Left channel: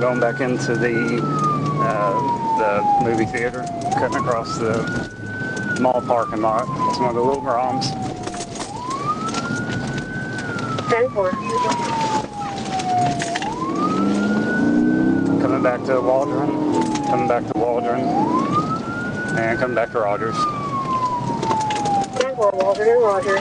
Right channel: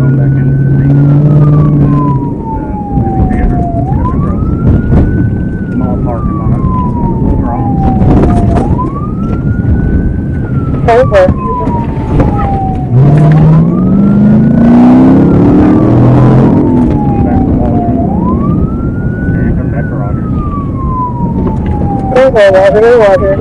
going back into the movie theater, cutting across the mall parking lot. It's one of the little ROMs. Over. Come back to Waldron. And come back to Rogers. Over, Waldron.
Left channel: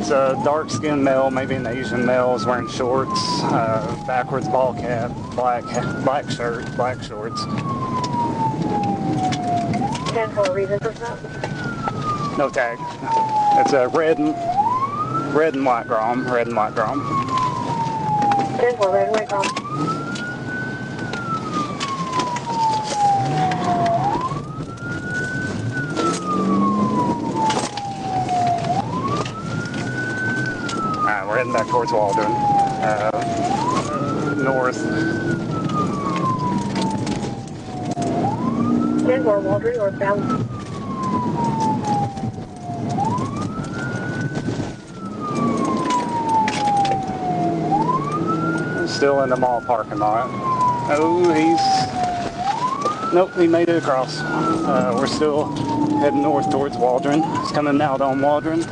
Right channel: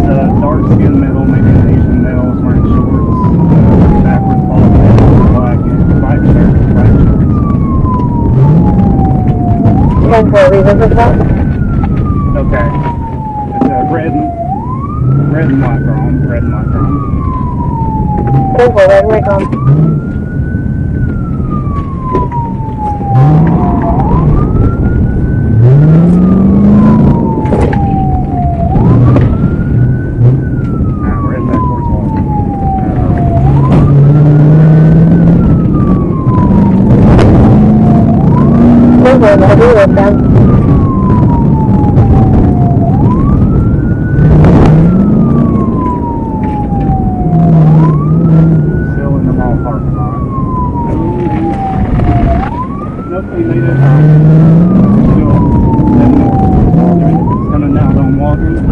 It's a dark skinned male, maybe an Asian male, is wearing shorts, backwards bald head, black shirt, black shorts. 10-4, revisit that. Okay. It's a red and white ROM. Red and white ROM. 10-4, right away, come. We're heading back towards Waldron. North. 10-4, I'll be with them. Still in the mall parking lot. Nope, he made it across. We're still heading north towards Waldron. It's coming out on Waldron.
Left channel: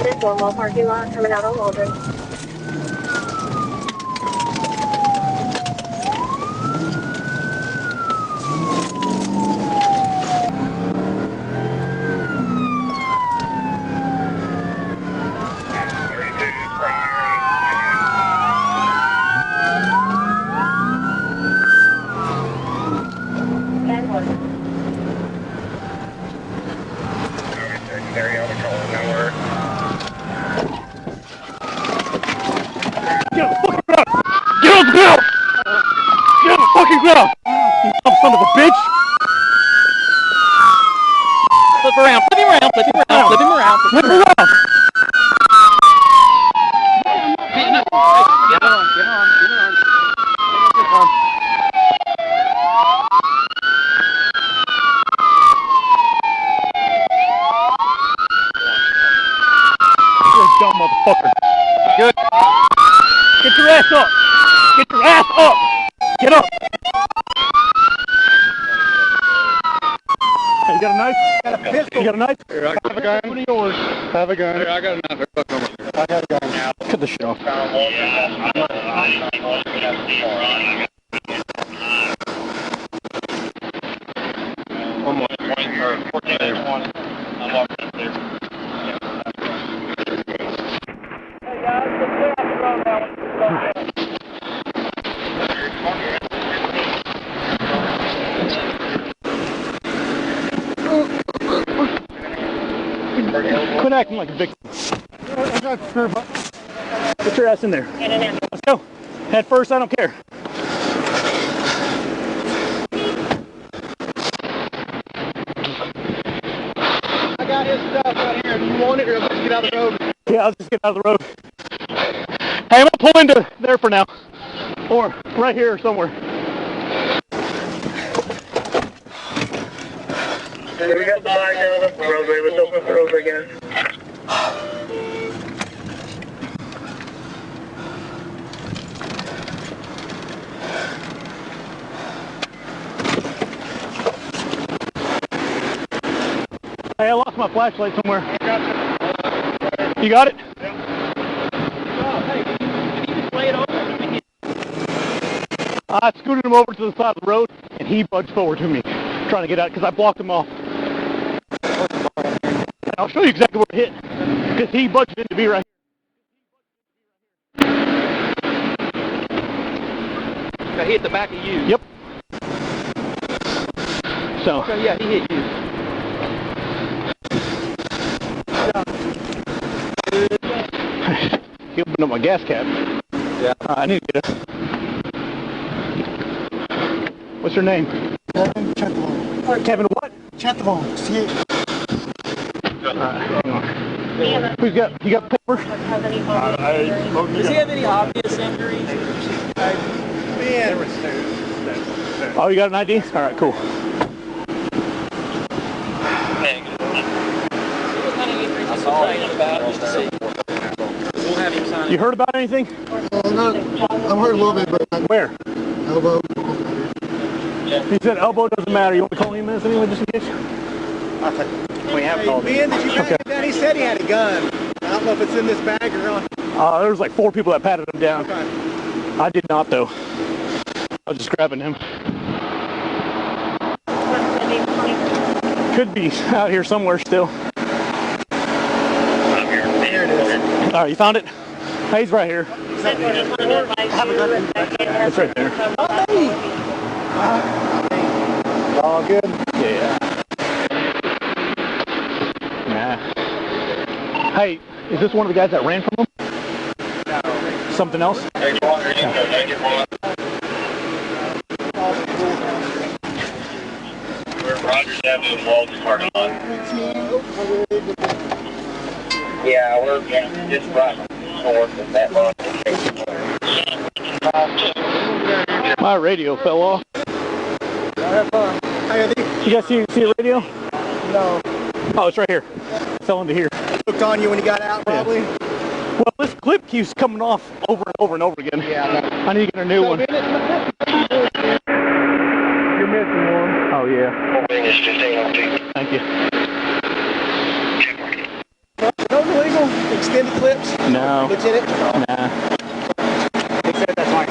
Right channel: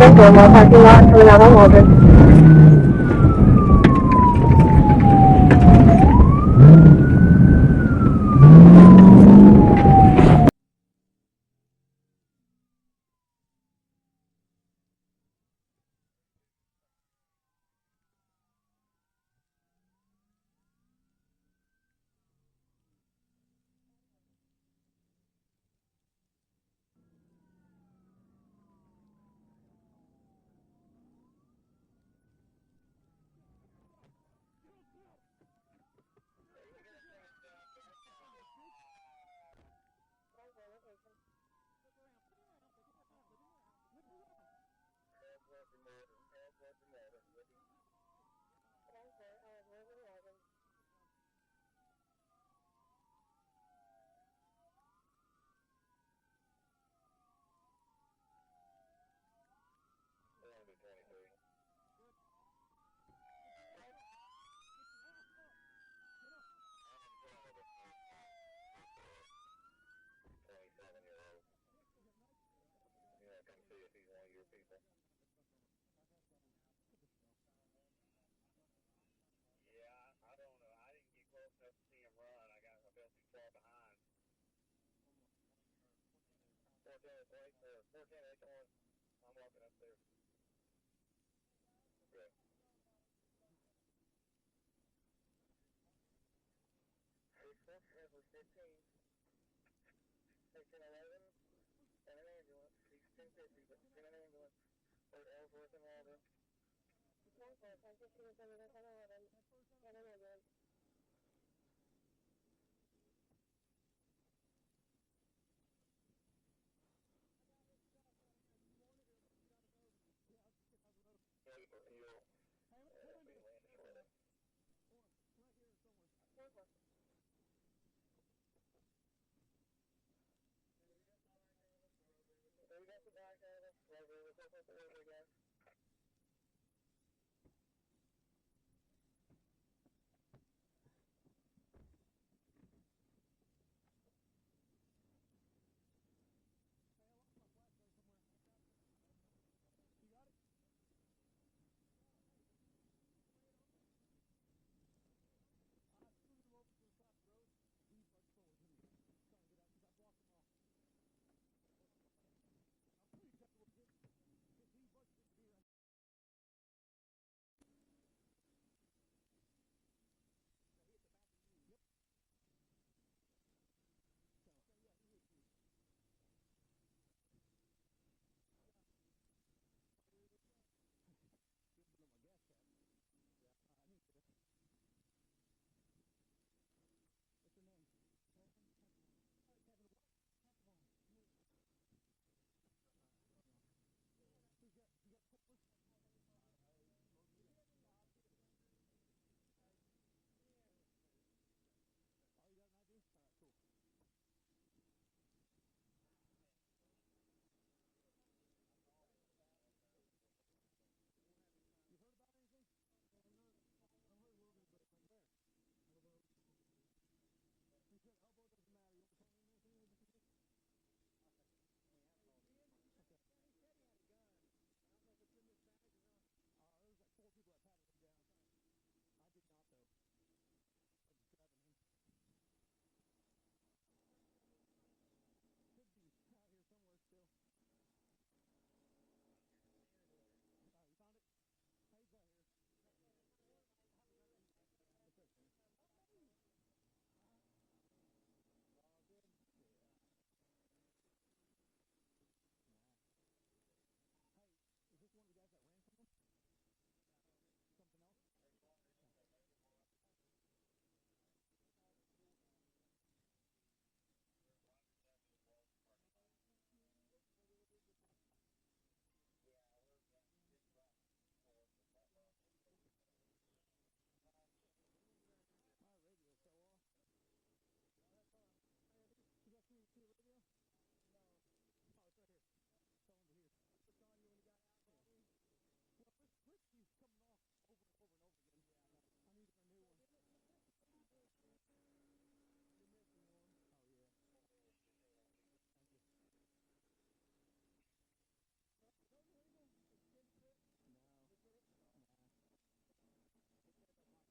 10-4, mall parking lot, coming out on Waldron. Get on the fucking ground! Get on the ground! Get on the fucking ground! You dumb son of a bitch! Flip around, flip him around, flip him around, flip him around. Flip around! Get on. You're a dumb motherfucker. Good. Get your ass up! Get your ass up! Get up! Hey, you got a knife? Got a pistol. You got a knife? Here, I have a gun. What are yours? Have a gun. Here, I got a knife. I got a gun. Cut the shit off. One more. 14-1. I'm walking up there. Quit acting like a victim. Get your ass in there. Let's go. Head first, I don't care. I got his stuff right here. Do you want it or let's get out of the road? Yeah, I'll just get out of the road. Hey, I'm gonna pull into there for now. Or right here somewhere. Hey, we got the light down the roadway. Let's open the roadway again. Hey, I lost my flashlight somewhere. You got it? I scooted him over to the side of the road, and he budged forward to me, trying to get out, because I blocked him off. And I'll show you exactly where it hit, because he budged into me right I hit the back of you. here. Yep. So, So yeah, he hit you. he opened up my gas cap. Yeah. I need to get it. What's your name? Kevin Chetavon. Kevin what? Chetavon. See it? Hang on. Who's got, you got paper? Does he have any obvious injuries? Oh, you got an ID? All right, cool. What kind of injuries he's complaining about? Just to see. We'll have him sign You heard about anything? No, I've heard a little bit, but Where? elbow. He said elbow doesn't matter. You want me to call him in anyway, just in case? We have called him. Ben, did you pat him down? He said he had a gun. I don't know if it's in this bag or not. There was like 4 people that patted him down. Okay. I did not, though. I was just grabbing him. Could be out here somewhere still. There it is. All right, you found it? Hey, he's right here. It's right there. All good. Yeah. Nah. Hey, is this one of the guys that ran from him? No. Something else? Rogers Avenue and Walden parking lot. Yeah, we're just right north of that lot. My radio fell off. Have fun. Hey, You guys see a radio? no. Oh, it's right here. It fell into here. Looked on you when you got out, probably. Well, this clip keeps coming off over and over and over again. Yeah. I need to get a new one. You're missing one. Oh, yeah. It's 1502. Thank you. Those illegal extended clips. No. Lieutenant. Nah. He said that's like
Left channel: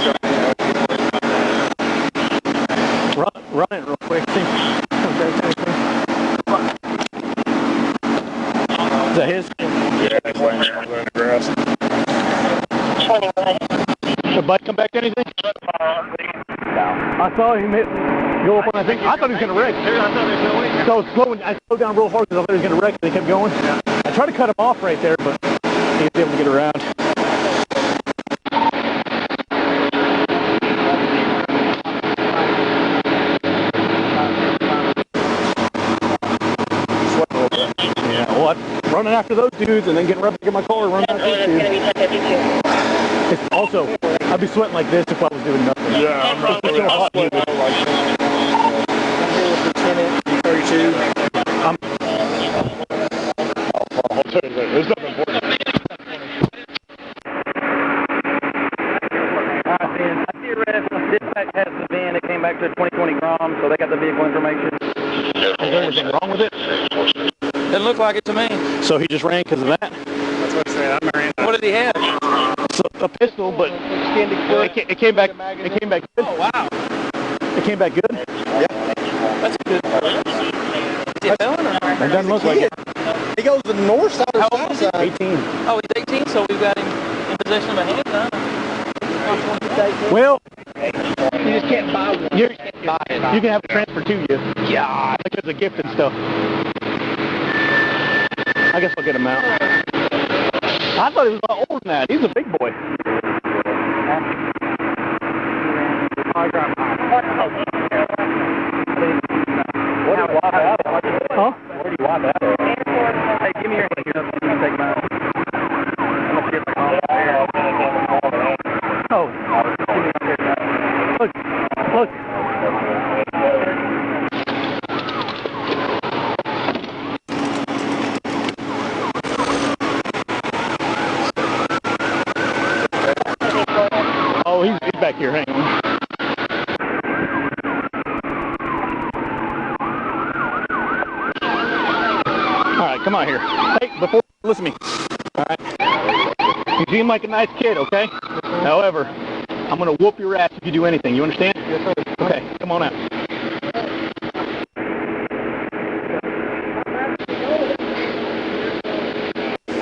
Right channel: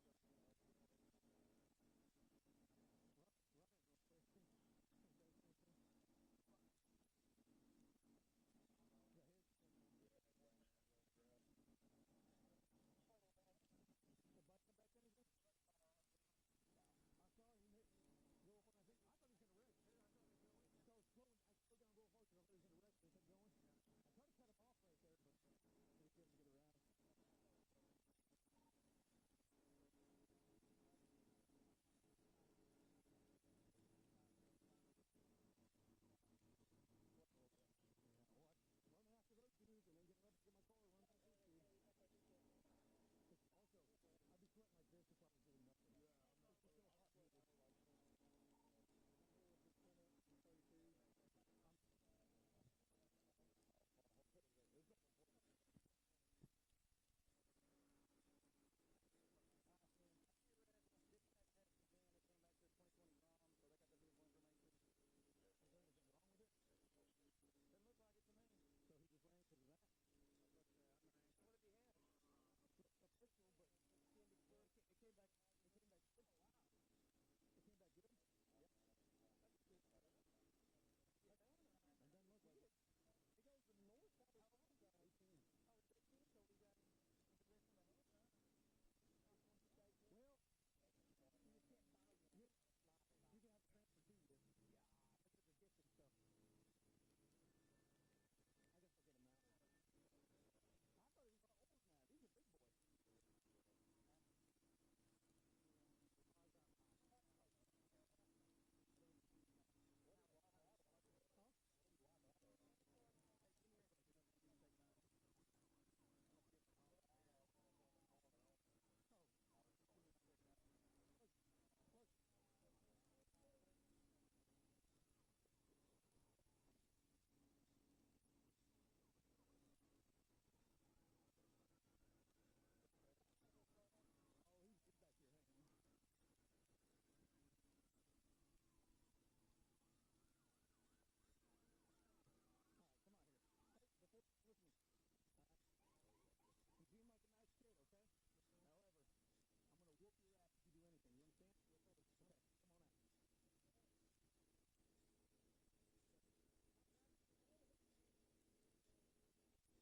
Run it real quick. See. Is that his? yeah, that's laying there on the grass. Did Bud come back to anything? I saw him go up on, I thought he was going to wreck. So I slowed down real hard because I thought he was going to wreck, and he kept going. I tried to cut him off right there, but he was able to get around. Yeah, well, I'm running after those dudes and then getting ready to get my car and running after these dudes. It's also, I'd be sweating like this if I was doing nothing. Yeah, I'm right It's there. so hot. I'm here with Lieutenant 32. I'll tell you later. There's nothing important. I see a ref. Dispatch has the van. It came back to 2020 Grom, so they got the vehicle information. Is there anything wrong with it? Doesn't look like it to me. So he just ran because of that? That's what I said. I'm marrying. What did he have? So, a pistol, but it came back. It came back good. Oh, wow. It came back good. That's good. Is he a felon or not? It doesn't look like it. He goes to the north side or How old south is he? side. 18. Oh, he's 18, so we've got him in possession of a handgun. Well, You just can't buy one. you can have it transferred to you. Yeah, because of gift and stuff. I guess I'll get him out. I thought he was a lot older than that. He's a big boy. What do you wipe out? Huh? Where do you wipe out? Hey, give me your hand. Here, you take mine. I'm going to get the call there. Oh. Look. Look. Oh, he's back here. Hang on. All right, come on here. Hey, before, listen to me. All right. You seem like a nice kid, okay? However, I'm going to whoop your ass if you do anything. You understand? Yes, sir. Okay, come on out.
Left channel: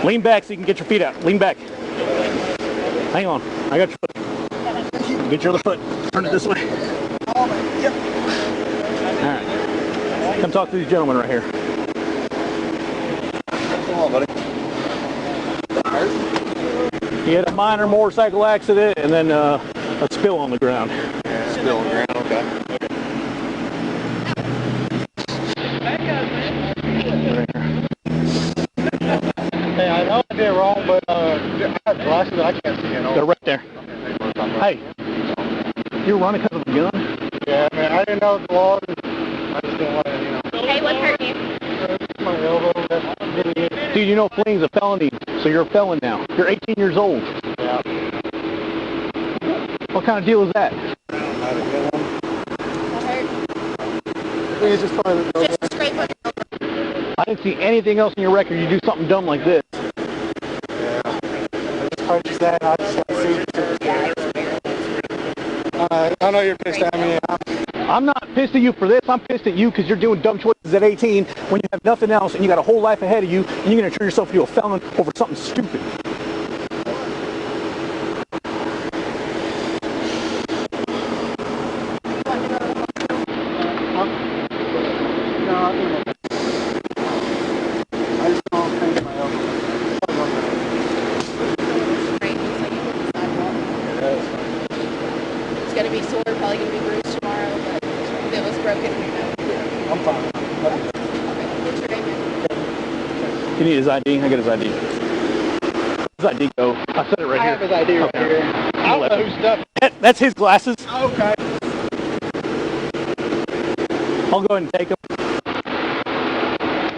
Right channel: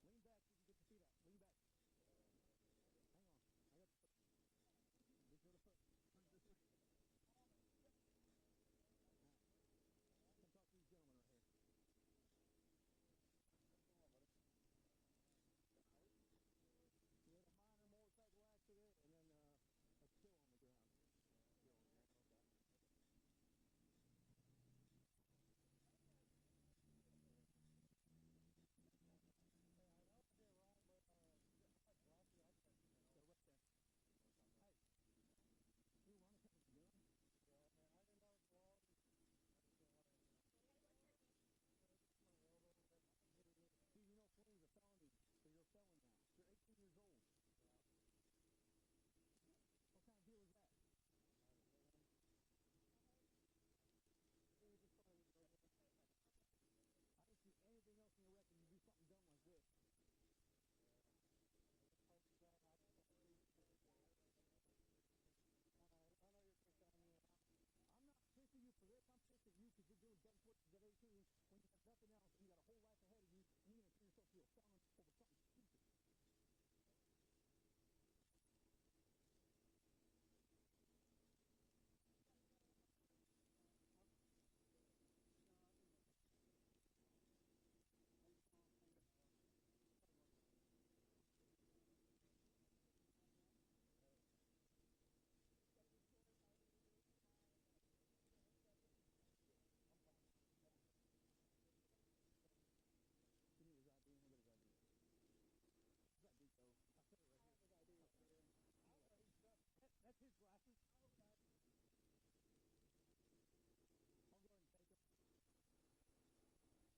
Lean back so you can get your feet out. Lean back. Hang on. I got your foot. Get your other foot. Turn it this way. All right. Come talk to these gentlemen right here. Come on, buddy. He had a minor motorcycle accident and then a spill on the ground. Spill on the ground, okay. Hey, I know I did wrong, but I have glasses. I can't see it. They're right there. Hey, you're running because of a gun? Yeah, man, I didn't know the law. I just didn't want to, Hey, what's hurt you? my elbow. Dude, you know fleeing's a felony, so you're a felon now. You're 18 years old. Yeah, out. What kind of deal is that? Just scrape it. I didn't see anything else in your record. You do something dumb like this. Yeah. I just purchased that. I just want to see. I know you're pissed at me. I'm not pissed at you for this. I'm pissed at you because you're doing dumb choices at 18 when you have nothing else and you got a whole life ahead of you and you're going to turn yourself into a felon over something stupid. It's going to be sore, probably going to be bruised tomorrow, but if it was broken, we know. I'm fine. Okay, what's your name? You need his ID? I got his ID. His ID go. I said it right I here. have his ID right here. I don't know whose stuff. That's his glasses. Okay. I'll go ahead and take them.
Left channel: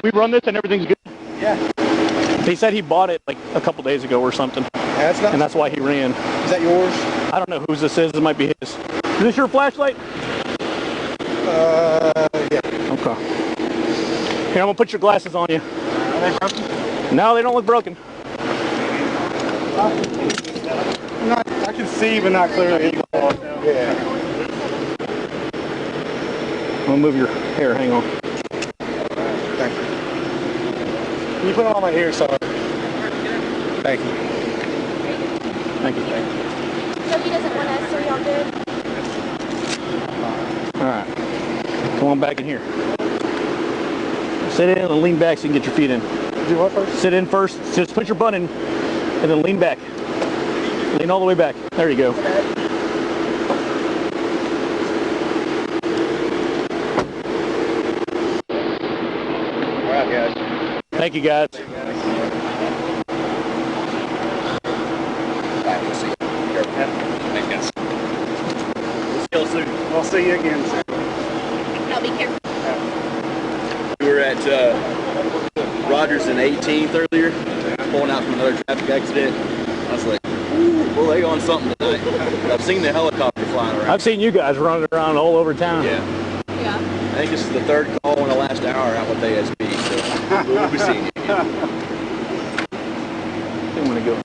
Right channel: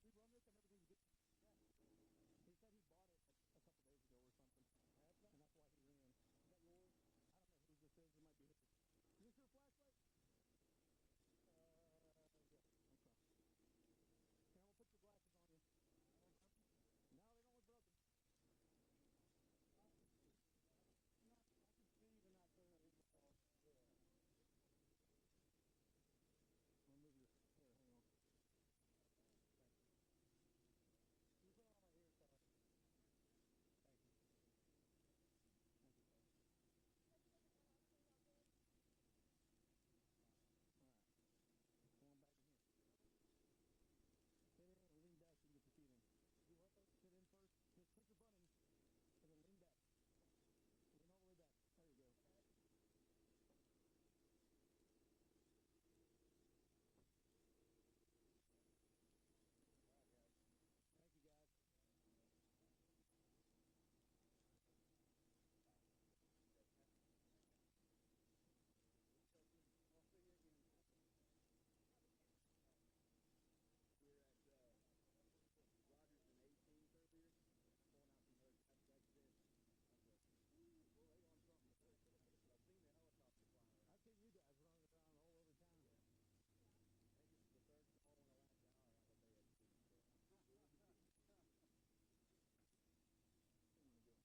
We run this and everything's good. Yeah. He said he bought it like a couple days ago or something, That's not. and that's why he ran. Is that yours? I don't know whose this is. It might be his. Is this your flashlight? Yeah. Okay. Here, I'm gonna put your glasses on you. Are they broken? No, they don't look broken. I can see, but not clearly. Yeah. I'm gonna move your hair. Hang on. Thank you. Can you put it on my ear, sorry? Thank you. Thank you. So he doesn't want us, so y'all good? All right. Come on back in here. Sit in and lean back so you can get your feet in. Do what first? Sit in first. Just put your butt in, and then lean back. Lean all the way back. There you go. All right, guys. Thank you, guys. I'll see you again soon. Now be careful. We were at Rogers and 18th earlier, pulling out from another traffic accident. I was like, ooh, well, they on something tonight. I've seen the helicopter flying around. I've seen you guys running around all over town. Yeah. Yeah. I think this is the third call in the last hour out with ASB, so we'll be seeing you again. I'm gonna go.